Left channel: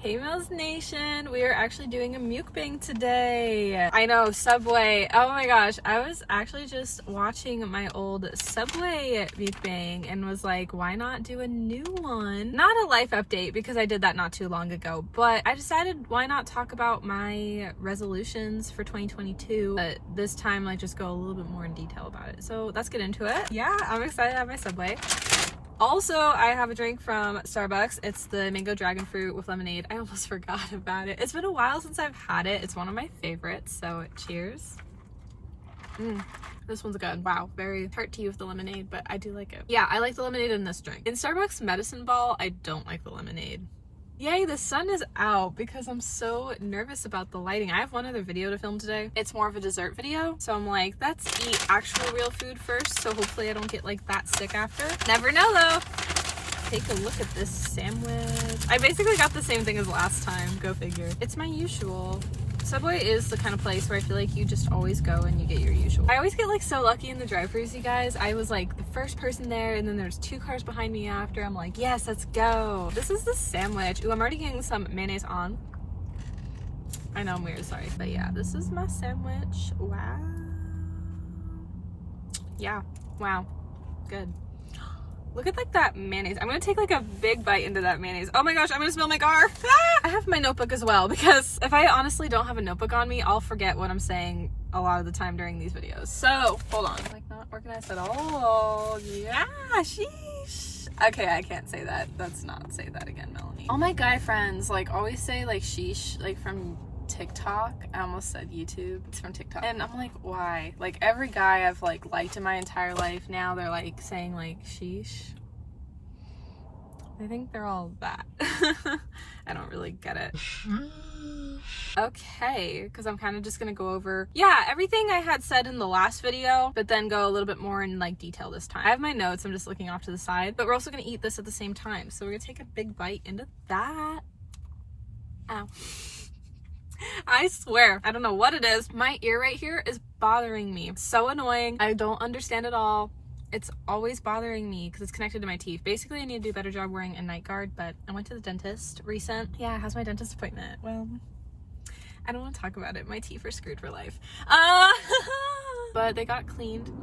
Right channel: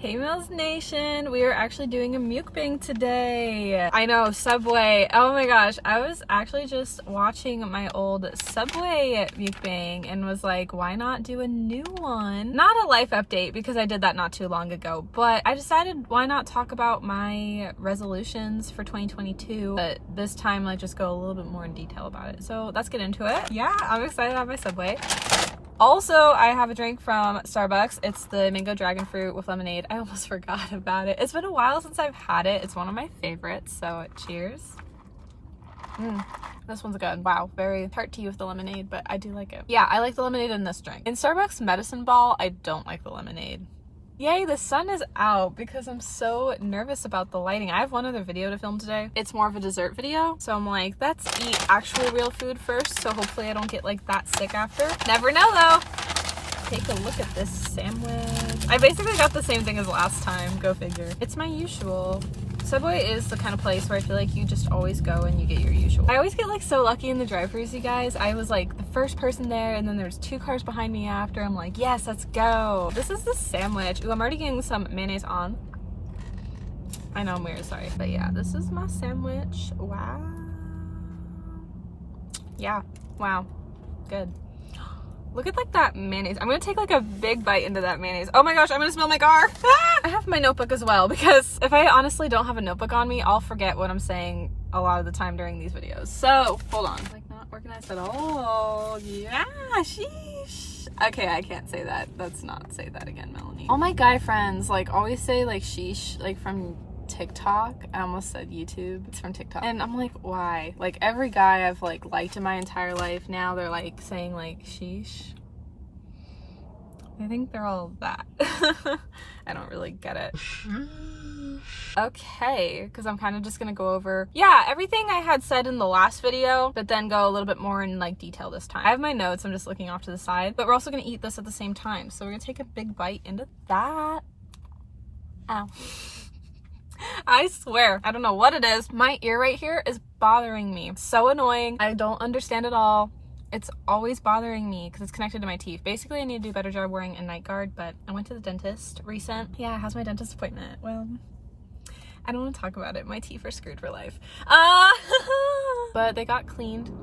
Hey Mills Nation, we are actually doing a mukbang today. I know, Subway. Oh my gosh, I was actually just watching my old Subway mukbang and was like, why not do a new one? Not a life update because I did that not too long ago, but I decided why not talk about my resolutions for 2022, but this time like just go a little bit more in detail about it. So let's get into it. Yeah, I'm excited to have my Subway. Also, I have a drink from Starbucks. It's the mango dragon fruit with lemonade. I almost forgot about it. It's been a while since I've had it. It's one of my favorites, so cheers. This one's good. Wow, very tart tea with the lemonade, but I do like it. Yeah, I like the lemonade in this drink. In Starbucks Medicine Ball, I don't like the lemonade. Yay, the sun is out because I'm so nervous about the lighting. I have one other video to film today. It's more of a dessert video. So I'm like, let's eat actual real food first. So hopefully I don't get like that sick after. Never know though. Take a look at this sandwich. I basically got the same thing as last time. Go figure. It's my usual. Subway is the kind of place where I feel like you just always go and you get your usual. I always get like so lucky in the drive-thrus, you guys. I was like the first person there and then there's 2 cars behind me after. I'm like, yes, let's go. This is the sandwich. Ooh, I'm already getting some mayonnaise on. I know I'm weird, sorry. But yeah, this is my sandwich. Wow. Yeah, wow, good. Look at like that mayonnaise. I'm gonna take like a big bite into that mayonnaise. Oh my gosh, I'm gonna spill my car. I have my notebook as well because if I honestly don't have a notebook on me, I'll forget what I'm saying a lot of the time during these videos. So hold on. Like not organized at all. Yeah, sheesh. Okay, I can't say that. Let's not say that again, Melanie. All my guy friends like always say like sheesh, like from TikTok. I almost said YouTube. It's from TikTok. And I'm like, why? Like every guy I've like liked in my entire life now they're like saying like sheesh. I think they're all that. I don't really get it. Okay, because I'm kind of just gonna go over everything I had said in the last video, but then go a little bit more in like detail this time. I have my notes, I'm just looking off to the side, but we're also gonna eat this at the same time. So we're gonna take a big bite into that. Ow. I swear, I don't know what it is. My ear right here is bothering me. It's so annoying. I don't understand it all. It's always bothering me because it's connected to my teeth. Basically, I need to do a better job wearing a night guard, but I went to the dentist recent. Yeah, how's my dentist appointment? Well, I don't want to talk about it. My teeth are screwed for life. But they got cleaned.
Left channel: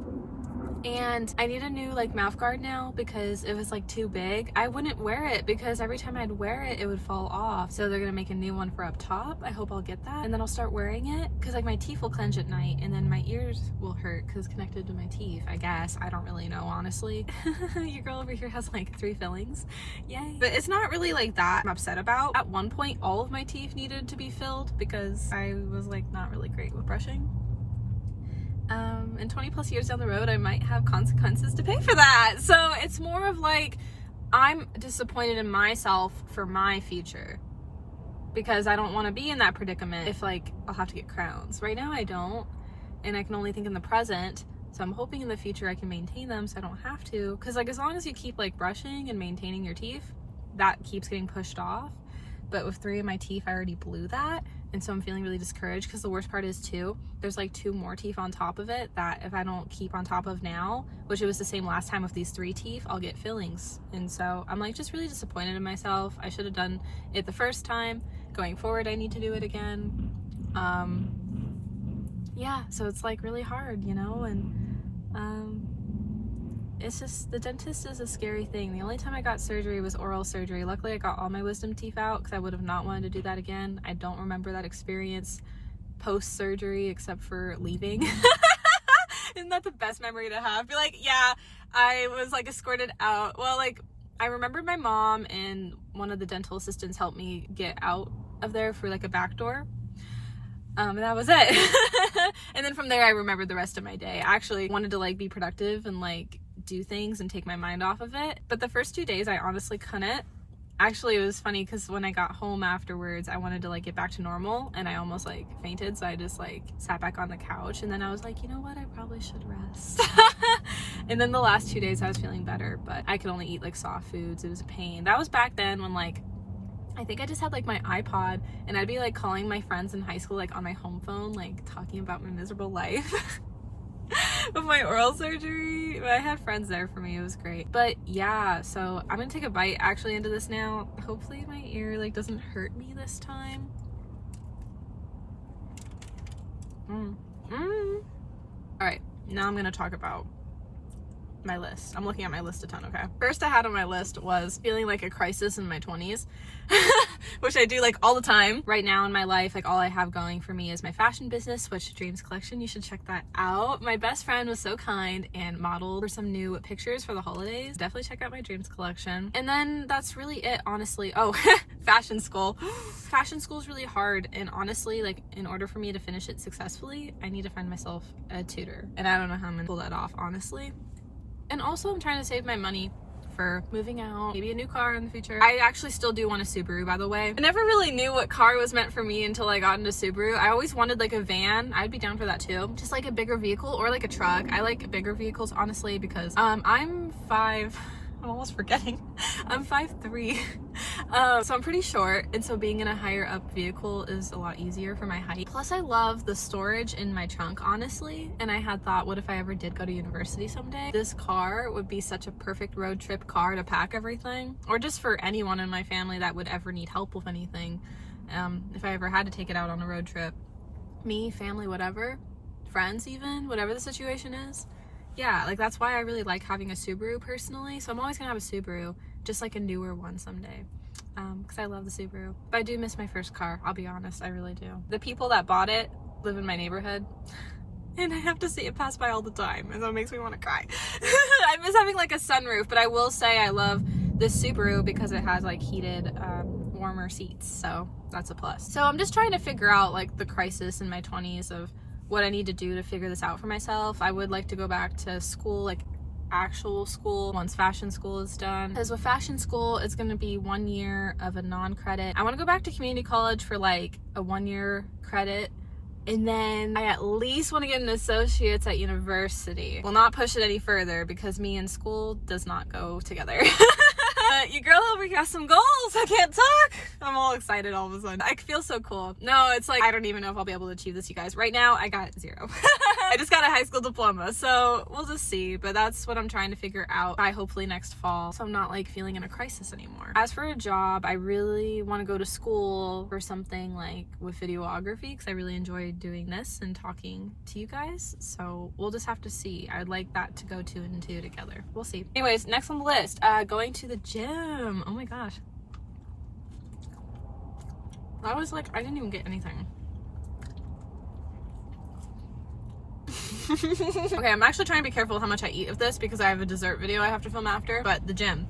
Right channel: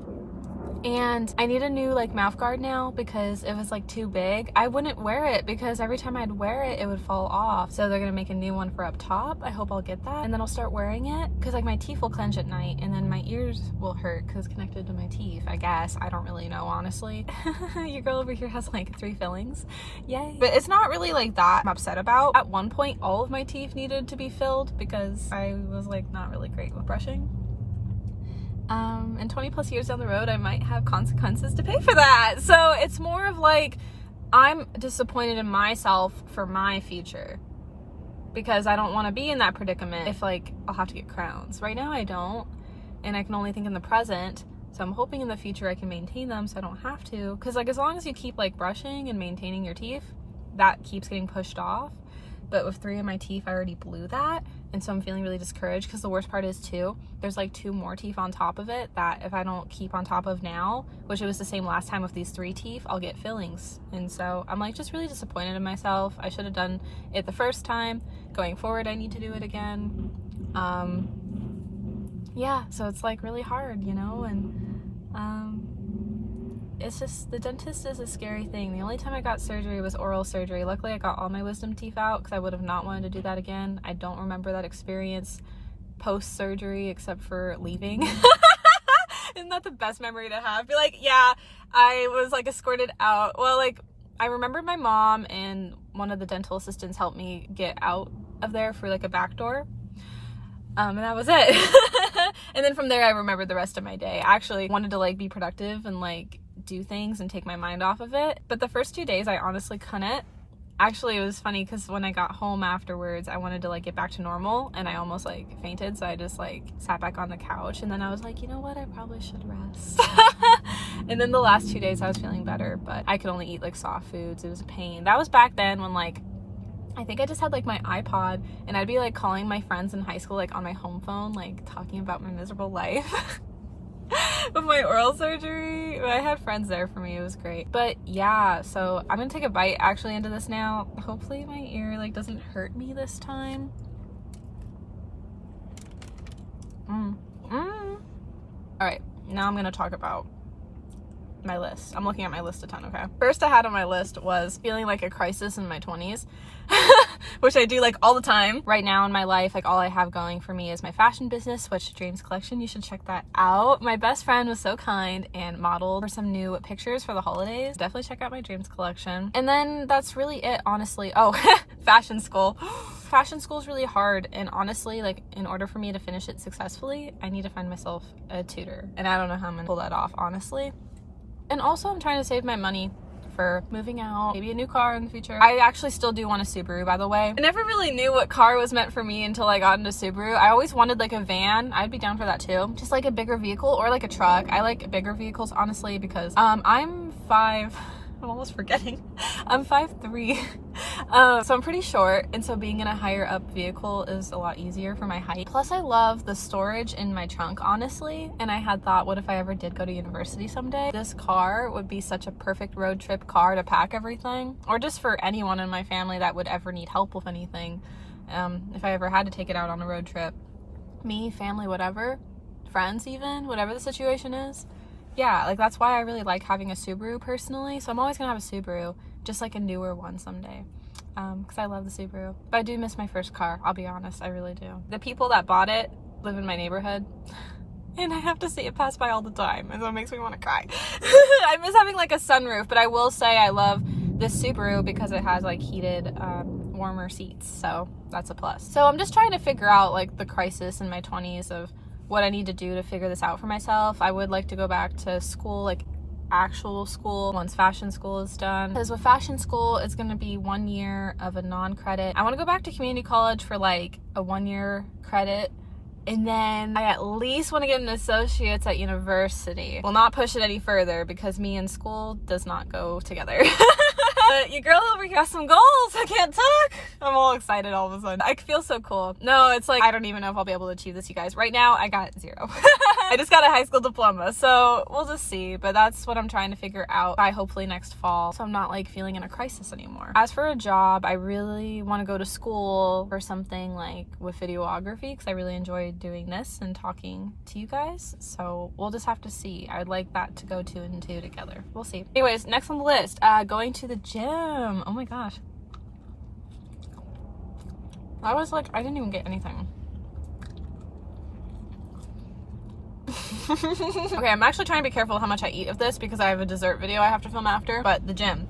And I need a new like mouth guard now because it was like too big. I wouldn't wear it because every time I'd wear it, it would fall off. So they're gonna make a new one for up top. I hope I'll get that. And then I'll start wearing it because like my teeth will clench at night and then my ears will hurt because it's connected to my teeth, I guess. I don't really know, honestly. Your girl over here has like 3 fillings. Yay. But it's not really like that I'm upset about. At one point, all of my teeth needed to be filled because I was like not really great with brushing. And 20 plus years down the road, I might have consequences to pay for that. So it's more of like, I'm disappointed in myself for my future because I don't want to be in that predicament if like, I'll have to get crowns. Right now I don't, and I can only think in the present. So I'm hoping in the future I can maintain them so I don't have to. Cause like, as long as you keep like brushing and maintaining your teeth, that keeps getting pushed off. But with 3 of my teeth, I already blew that. And so I'm feeling really discouraged because the worst part is too, there's like 2 more teeth on top of it that if I don't keep on top of now, which it was the same last time with these 3 teeth, I'll get fillings. And so I'm like just really disappointed in myself. I should have done it the first time. Going forward, I need to do it again. Yeah, so it's like really hard, you know, and it's just, the dentist is a scary thing. The only time I got surgery was oral surgery. Luckily, I got all my wisdom teeth out because I would have not wanted to do that again. I don't remember that experience post-surgery except for leaving. Isn't that the best memory to have? Be like, yeah, I was like escorted out. Well, like I remember my mom and one of the dental assistants helped me get out of there for like a back door. And that was it. And then from there, I remembered the rest of my day. I actually wanted to like be productive and like do things and take my mind off of it. But the first 2 days, I honestly couldn't. Actually, it was funny because when I got home afterwards, I wanted to like get back to normal and I almost like fainted. So I just like sat back on the couch and then I was like, you know what? I probably should rest. And then the last 2 days I was feeling better, but I could only eat like soft foods. It was a pain. That was back then when like, I think I just had like my iPod and I'd be like calling my friends in high school like on my home phone, like talking about my miserable life. of my oral surgery. I had friends there for me. It was great. But yeah, so I'm gonna take a bite actually into this now. Hopefully my ear like doesn't hurt me this time. All right, now I'm gonna talk about my list. I'm looking at my list a ton, okay? First I had on my list was feeling like a crisis in my 20s, which I do like all the time. Right now in my life, like all I have going for me is my fashion business, Switch Dreams collection. You should check that out. My best friend was so kind and modeled for some new pictures for the holidays. Definitely check out my Dreams collection. And then that's really it, honestly. Oh, fashion school. Fashion school is really hard, and honestly, like in order for me to finish it successfully, I need to find myself a tutor, and I don't know how I'm gonna pull that off, honestly. And also I'm trying to save my money for moving out, maybe a new car in the future. I actually still do want a Subaru, by the way. I never really knew what car was meant for me until I got into Subaru. I always wanted like a van. I'd be down for that too. Just like a bigger vehicle or like a truck. I like bigger vehicles, honestly, because I'm I'm almost forgetting. I'm 5'3". So I'm pretty short, and so being in a higher up vehicle is a lot easier for my height. Plus I love the storage in my trunk, honestly, and I had thought, what if I ever did go to university someday? This car would be such a perfect road trip car to pack everything, or just for anyone in my family that would ever need help with anything. If I ever had to take it out on a road trip. Me, family, whatever, friends even, whatever the situation is. Yeah, like that's why I really like having a Subaru personally. So I'm always gonna have a Subaru, just like a newer one someday, because I love the Subaru. But I do miss my first car, I'll be honest, I really do. The people that bought it live in my neighborhood, and I have to see it pass by all the time, and so it makes me want to cry. I miss having like a sunroof, but I will say I love this Subaru because it has like heated, warmer seats, so that's a plus. So I'm just trying to figure out like the crisis in my 20s of what I need to do to figure this out for myself. I would like to go back to school, like actual school, once fashion school is done. Because with fashion school, it's going to be 1 year of a non-credit. I want to go back to community college for like a 1-year credit. And then I at least want to get an associate's at university. Will not push it any further because me and school does not go together. But your girl over here has some goals. I can't talk. I'm all excited all of a sudden. I feel so cool. No, it's like, I don't even know if I'll be able to achieve this, you guys. Right now, I got 0. I just got a high school diploma, so we'll just see. But that's what I'm trying to figure out by hopefully next fall, so I'm not like feeling in a crisis anymore. As for a job, I really want to go to school for something like with videography, because I really enjoy doing this and talking to you guys. So we'll just have to see. I would like that to go 2 and 2 together. We'll see. Anyways, next on the list, going to the gym. Oh my gosh. I was like, I didn't even get anything. Okay, I'm actually trying to be careful how much I eat of this because I have a dessert video I have to film after. But the gym,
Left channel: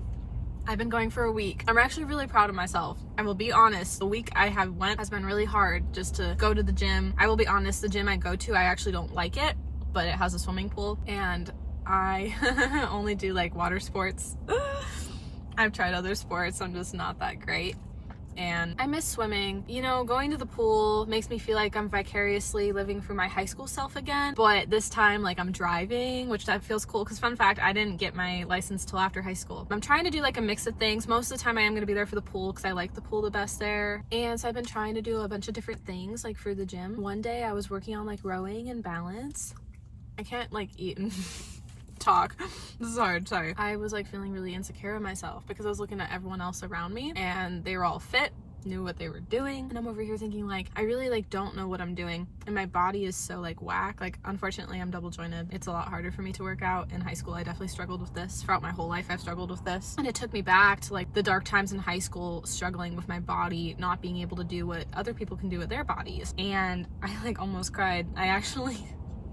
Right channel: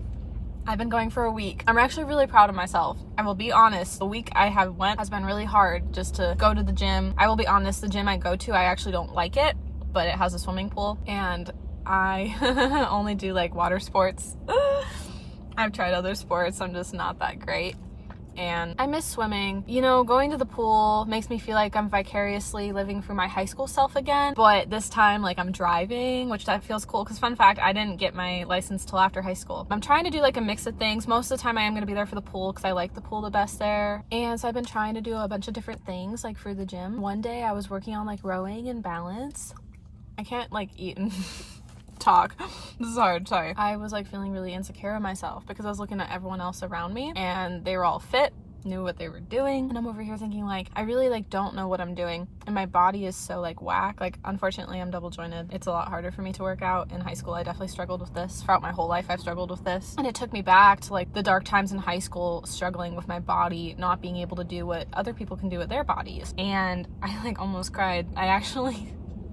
I've been going for a week. I'm actually really proud of myself. I will be honest, the week I have went has been really hard just to go to the gym. I will be honest, the gym I go to, I actually don't like it, but it has a swimming pool, and I only do like water sports. I've tried other sports, I'm just not that great. And I miss swimming. You know, going to the pool makes me feel like I'm vicariously living for my high school self again, but this time like I'm driving, which that feels cool, because fun fact, I didn't get my license till after high school. I'm trying to do like a mix of things. Most of the time I am going to be there for the pool because I like the pool the best there, and so I've been trying to do a bunch of different things like for the gym. One day I was working on like rowing and balance. I can't like eat and talk. This is hard, sorry. I was like feeling really insecure of myself because I was looking at everyone else around me and they were all fit, knew what they were doing, and I'm over here thinking like, I really like don't know what I'm doing, and my body is so like whack. Like unfortunately I'm double jointed. It's a lot harder for me to work out. In high school I definitely struggled with this. Throughout my whole life I've struggled with this, and it took me back to like the dark times in high school, struggling with my body, not being able to do what other people can do with their bodies, and I like almost cried. I actually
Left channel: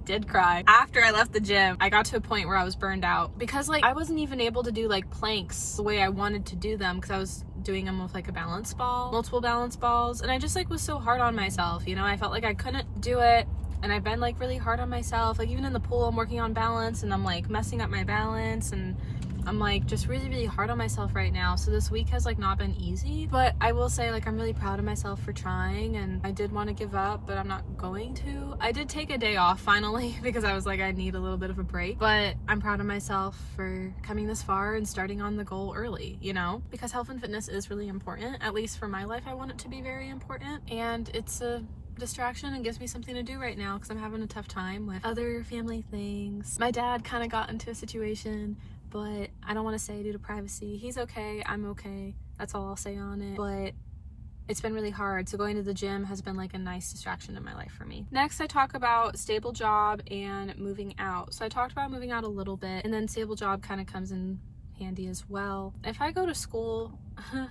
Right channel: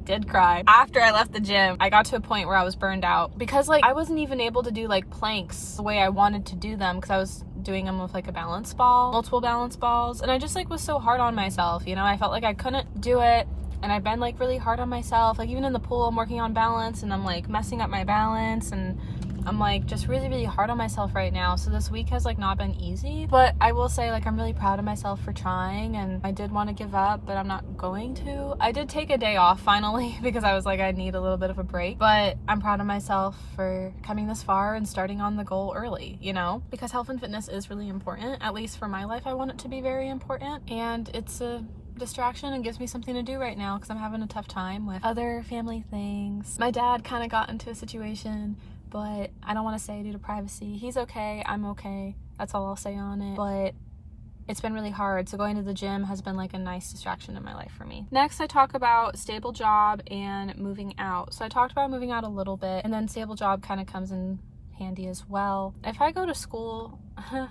did cry. After I left the gym, I got to a point where I was burned out because like I wasn't even able to do like planks the way I wanted to do them because I was doing them with like a balance ball, multiple balance balls, and I just like was so hard on myself, you know. I felt like I couldn't do it, and I've been like really hard on myself. Like even in the pool I'm working on balance and I'm like messing up my balance, and I'm like just really hard on myself right now. So this week has like not been easy, but I will say like I'm really proud of myself for trying, and I did want to give up, but I'm not going to. I did take a day off finally because I was like, I need a little bit of a break, but I'm proud of myself for coming this far and starting on the goal early, you know, because health and fitness is really important. At least for my life, I want it to be very important, and it's a distraction and gives me something to do right now because I'm having a tough time with other family things. My dad kind of got into a situation, but I don't want to say due to privacy. He's okay, I'm okay. That's all I'll say on it. But it's been really hard, so going to the gym has been like a nice distraction in my life for me. Next, I talk about stable job and moving out. So I talked about moving out a little bit, and then stable job kind of comes in handy as well. If I go to school,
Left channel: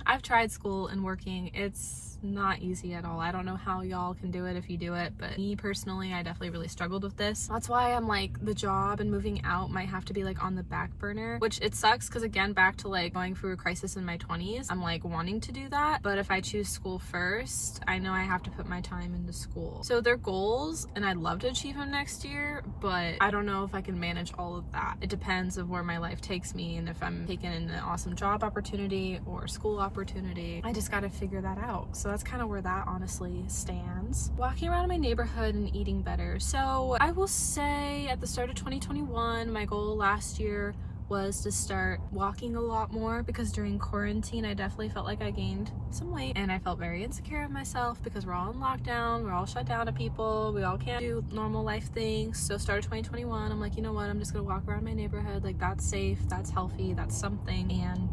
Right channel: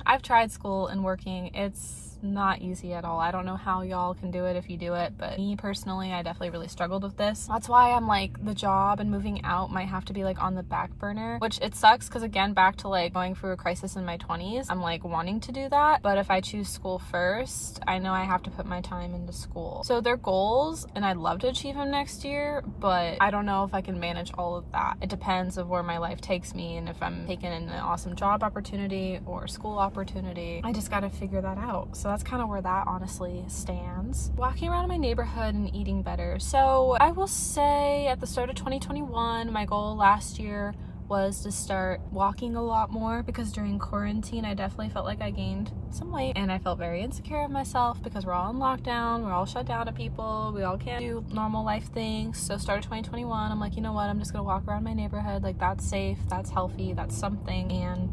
I've tried school and working, it's not easy at all. I don't know how y'all can do it if you do it, but me personally, I definitely really struggled with this. That's why I'm like, the job and moving out might have to be like on the back burner, which it sucks because again, back to like going through a crisis in my 20s, I'm like wanting to do that. But if I choose school first, I know I have to put my time into school. So they're goals and I'd love to achieve them next year, but I don't know if I can manage all of that. It depends of where my life takes me and if I'm taking in an awesome job opportunity or school opportunity. I just got to figure that out. So that's kind of where that honestly stands. Walking around my neighborhood and eating better. So I will say at the start of 2021, my goal last year was to start walking a lot more because during quarantine, I definitely felt like I gained some weight and I felt very insecure of myself because we're all in lockdown, we're all shut down to people, we all can't do normal life things. So start of 2021, I'm like, you know what, I'm just gonna walk around my neighborhood, like that's safe, that's healthy, that's something. And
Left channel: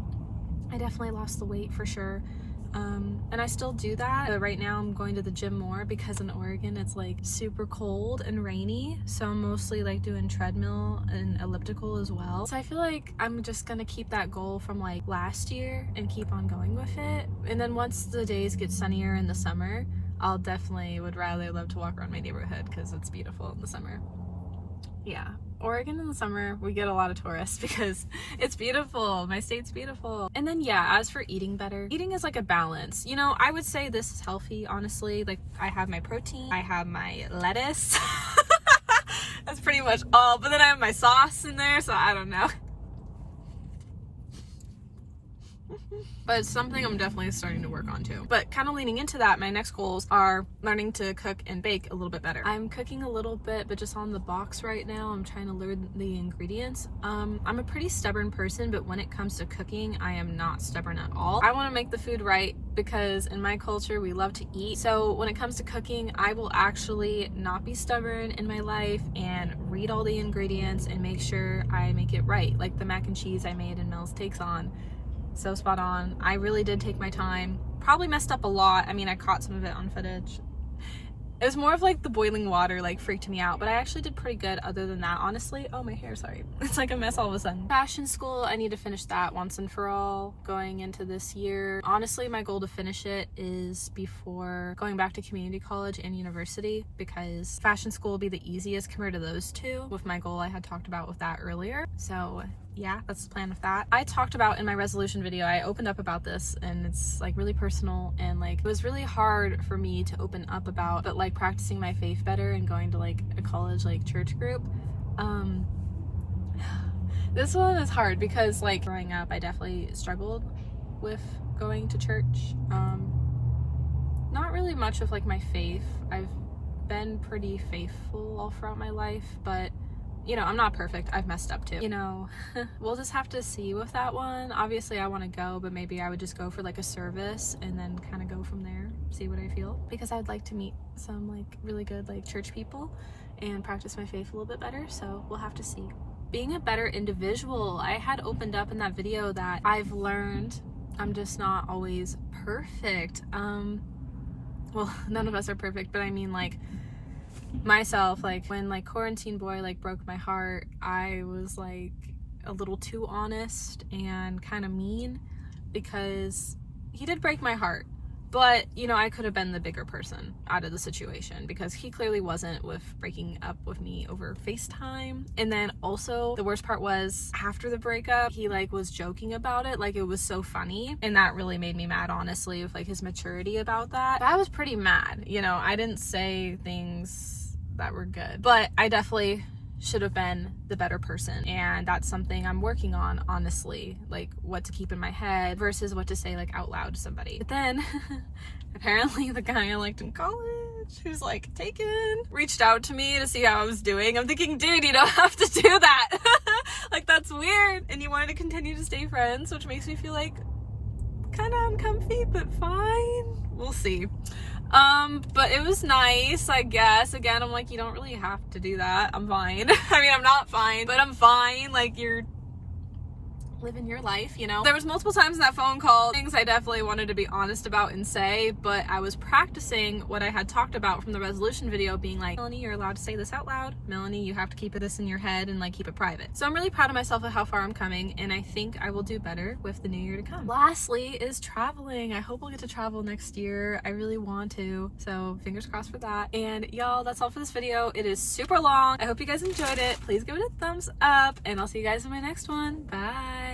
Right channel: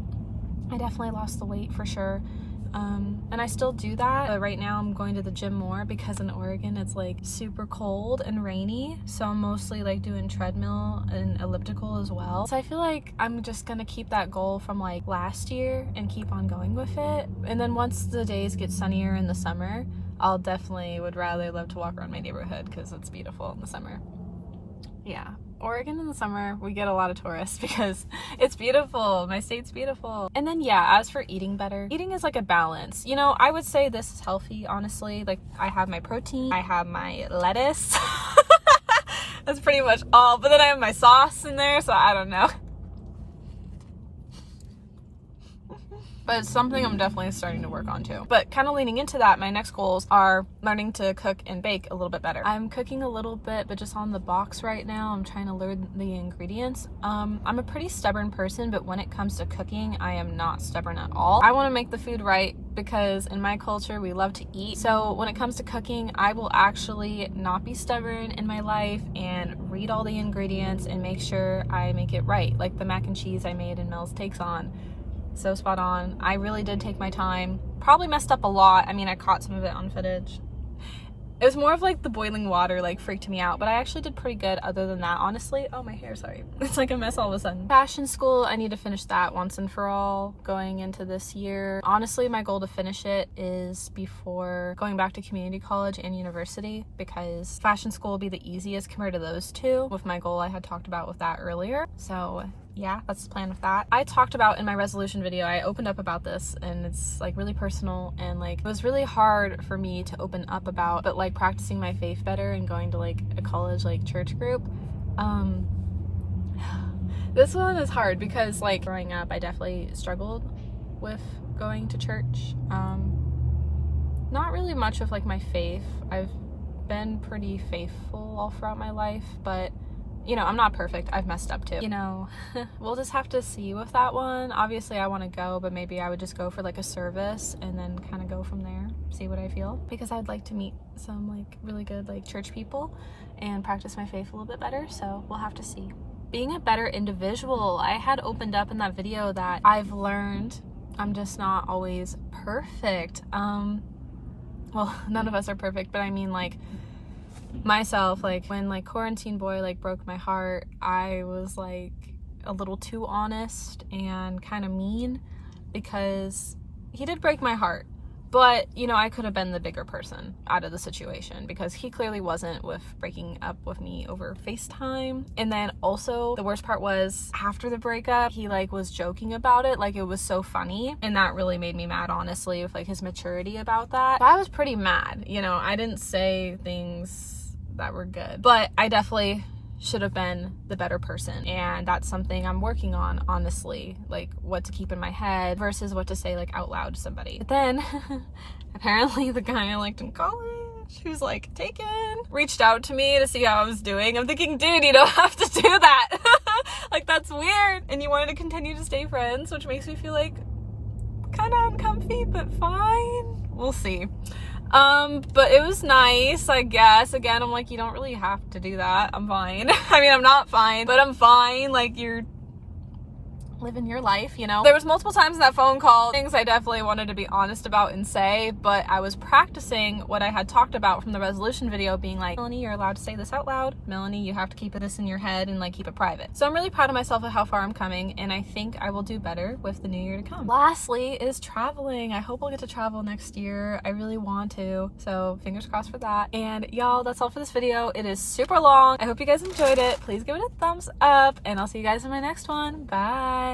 I definitely lost the weight for sure. And I still do that, but right now I'm going to the gym more because in Oregon it's like super cold and rainy, so I'm mostly like doing treadmill and elliptical as well. So I feel like I'm just gonna keep that goal from like last year and keep on going with it. And then once the days get sunnier in the summer, I'll definitely would rather love to walk around my neighborhood because it's beautiful in the summer. Yeah, Oregon in the summer, we get a lot of tourists because it's beautiful. My state's beautiful. And then yeah, as for eating better, eating is like a balance. You know, I would say this is healthy, honestly. Like I have my protein, I have my lettuce. That's pretty much all. But then I have my sauce in there, so I don't know. But it's something I'm definitely starting to work on too. But kind of leaning into that, my next goals are learning to cook and bake a little bit better. I'm cooking a little bit, but just on the box right now. I'm trying to learn the ingredients. I'm a pretty stubborn person, but when it comes to cooking, I am not stubborn at all. I want to make the food right because in my culture, we love to eat. So when it comes to cooking, I will actually not be stubborn in my life and read all the ingredients and make sure I make it right. Like the mac and cheese I made in Mel's Takes On. So spot on. I really did take my time. Probably messed up a lot. I mean, I caught some of it on footage. It was more of like the boiling water like freaked me out, but I actually did pretty good other than that, honestly. Oh, my hair, sorry. It's like a mess all of a sudden. Fashion school, I need to finish that once and for all going into this year. Honestly, my goal to finish it is before going back to community college and university because fashion school will be the easiest compared to those two with my goal I had talked about with that earlier. So yeah, that's the plan with that. I talked about in my resolution video, I opened up about this and it's like really personal and like it was really hard for me to open up about, but like practicing my faith better and going to like a college like church group. This one is hard because like growing up I definitely struggled with going to church. Not really much with like my faith. I've been pretty faithful all throughout my life, but you know, I'm not perfect. I've messed up too. You know, we'll just have to see with that one. Obviously, I want to go, but maybe I would just go for like a service and then kind of go from there, see what I feel. Because I'd like to meet some like really good like church people and practice my faith a little bit better. So we'll have to see. Being a better individual, I had opened up in that video that I've learned I'm just not always perfect. Well, none of us are perfect, but I mean like myself, like when like quarantine boy like broke my heart, I was like a little too honest and kind of mean because he did break my heart, but you know, I could have been the bigger person out of the situation because he clearly wasn't with breaking up with me over FaceTime. And then also the worst part was after the breakup, he like was joking about it like it was so funny, and that really made me mad, honestly, with like his maturity about that. I was pretty mad. You know, I didn't say things that were good, but I definitely should have been the better person, and that's something I'm working on, honestly, like what to keep in my head versus what to say like out loud to somebody. But then apparently the guy I liked in college, who's like taken, reached out to me to see how I was doing. I'm thinking, dude, you don't have to do that. Like that's weird. And you wanted to continue to stay friends, which makes me feel like kind of uncomfy, but fine, we'll see. But it was nice, I guess. Again, I'm like, you don't really have to do that. I'm fine. I mean, I'm not fine, but I'm fine. Like, you're living your life, you know? There was multiple times in that phone call, things I definitely wanted to be honest about and say, but I was practicing what I had talked about from the resolution video, being like, Melanie, you're allowed to say this out loud. Melanie, you have to keep this in your head and like keep it private. So I'm really proud of myself at how far I'm coming, and I think I will do better with the new year to come. Lastly is traveling. I hope we'll get to travel next year. I really want to, so fingers crossed for that. And y'all, that's all for this video. It is super long. I hope you guys enjoyed it. Please give it a thumbs up, and I'll see you guys in my next one. Bye.